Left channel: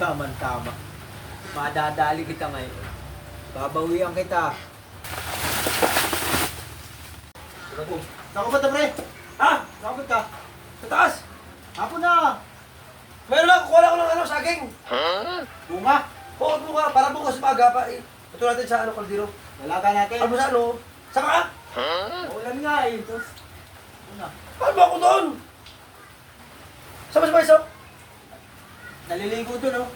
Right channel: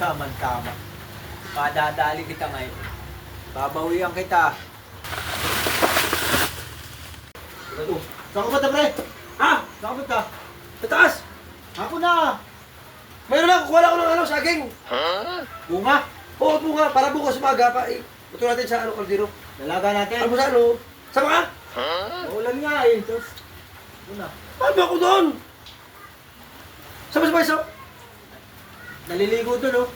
Tama-tama. Madadali kita ngayon. Babawian kita. Saan ka ba, pre? Ha? Saan ka? Sa taas! Ako na! Mayroon lang, kuha lang ako ng saging. Bunga! Oo, bunga. Para bukas umaga pa eh. Ito natin sa kaldero. Dalaga natin. Ano sa ano? Sama ka? Ulan nga eh. Tapos, una. Paano ba ako doon? Sama sa isa. Naliligo doon, oh.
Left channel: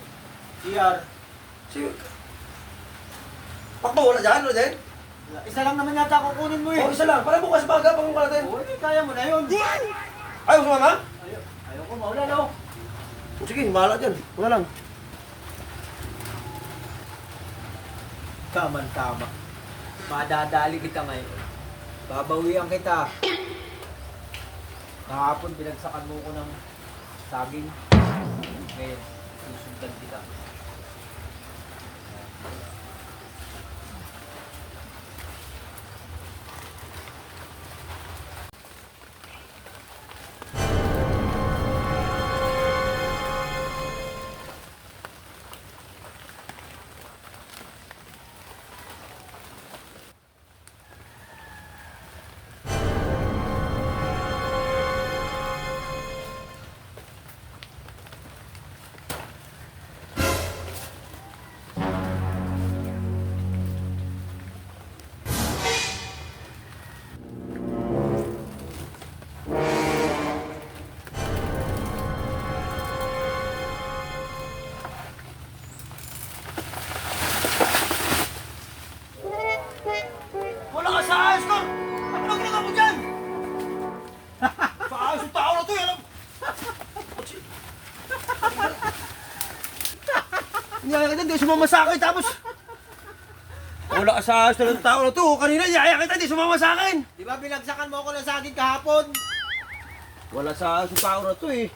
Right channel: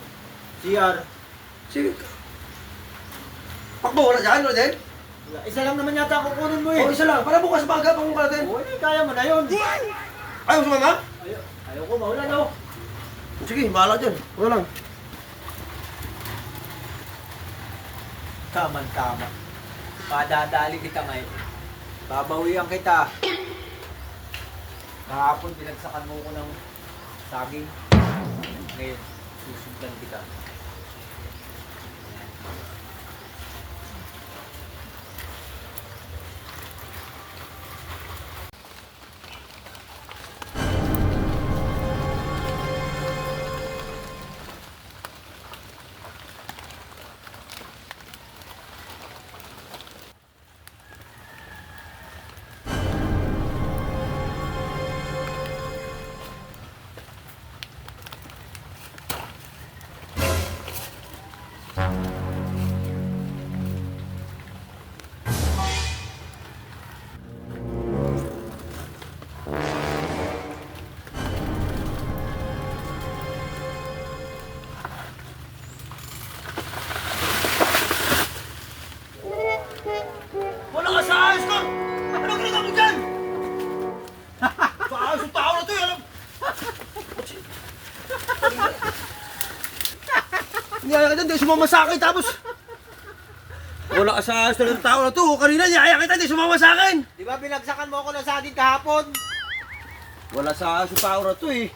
CR. Si... Pakbo, wala dyan? Wala dyan? Isa lang naman yata kukunin mo eh. Oo, isa lang. Para bukas umaga, pangung ka natin. Oo, kaya mo na yun. Ayaw sumama? Ayoko, maulan oh. Sige, bahala dyan. Wala lang. Tama-tama. Madadali kita ngayon. Babawian kita. Kahapon binagsakan mo ko ng saging. Ngayon, susundan kita. Wala ka sa ayos ko! Ano ginagawa mo dyan? Sa ayos yung tao na to eh! Hindi ka dyan, di sumama sa akin tapos... Wala ka sa ayos ng tao na to! Kanina niyaya kita, di sumama sa akin! Di ba binagsakan mo ako ng saging kahapon? Wala sa ayos yung tao na to eh!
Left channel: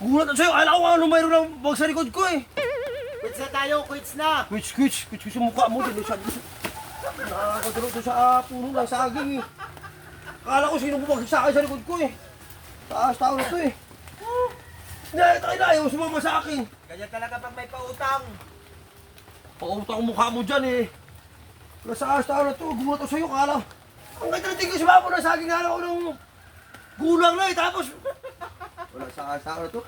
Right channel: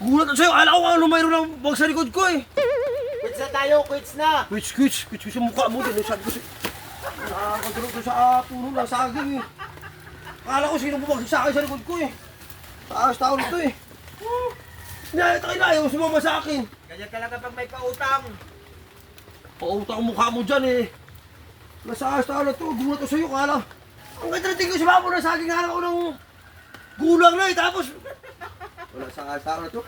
Gulat na sa'yo, akala ko ano mayroon ng bag sa likod ko eh! Quits na tayo, quits na! Quits yung mukha mo din. Nakakadurog ko sa puno ng saging eh. Akala ko sino bumagsak sa akin sa likod ko eh. Taas tao nito eh. Niyayat ka ayaw sumama sa akin. Ganyan talaga pag may pautang. Pautang ang mukha mo dyan eh. Nasa ayos tao na ito. Gulat ko sa'yo. Akala. Ang ganda na tingin ko sumama ng saging. Akala ko ng gulang na eh. Tapos. Wala sa ayos tao na ito.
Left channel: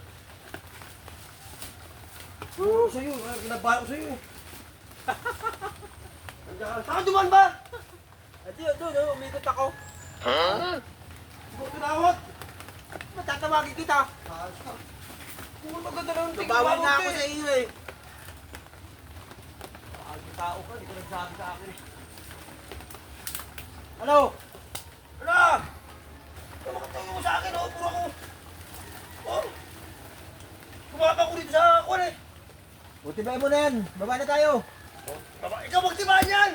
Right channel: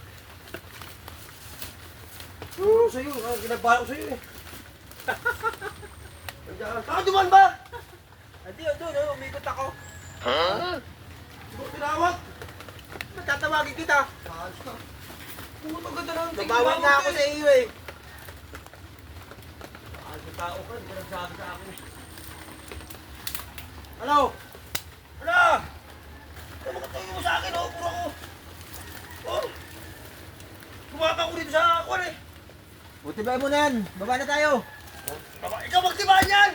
Sa'yo. Ginabahan ko sa'yo eh. Saka duman ba? Hindi, doon, umikot ako. Siguro tinawag. Matatawagin kita. Ayos ka. Puto ganda ng tingin Nagawin mo, na ako eh. sa iyo eh. Ayos na tao ka. Hindi ka nagsabi sa akin eh. Ano? Ano? Makatayo mo sa akin, oh, puro ako. Oh. Kumaka ko dito sa kwan eh. Butibay mo na yan. Baba na tayo. Ikaw magtibaan yan!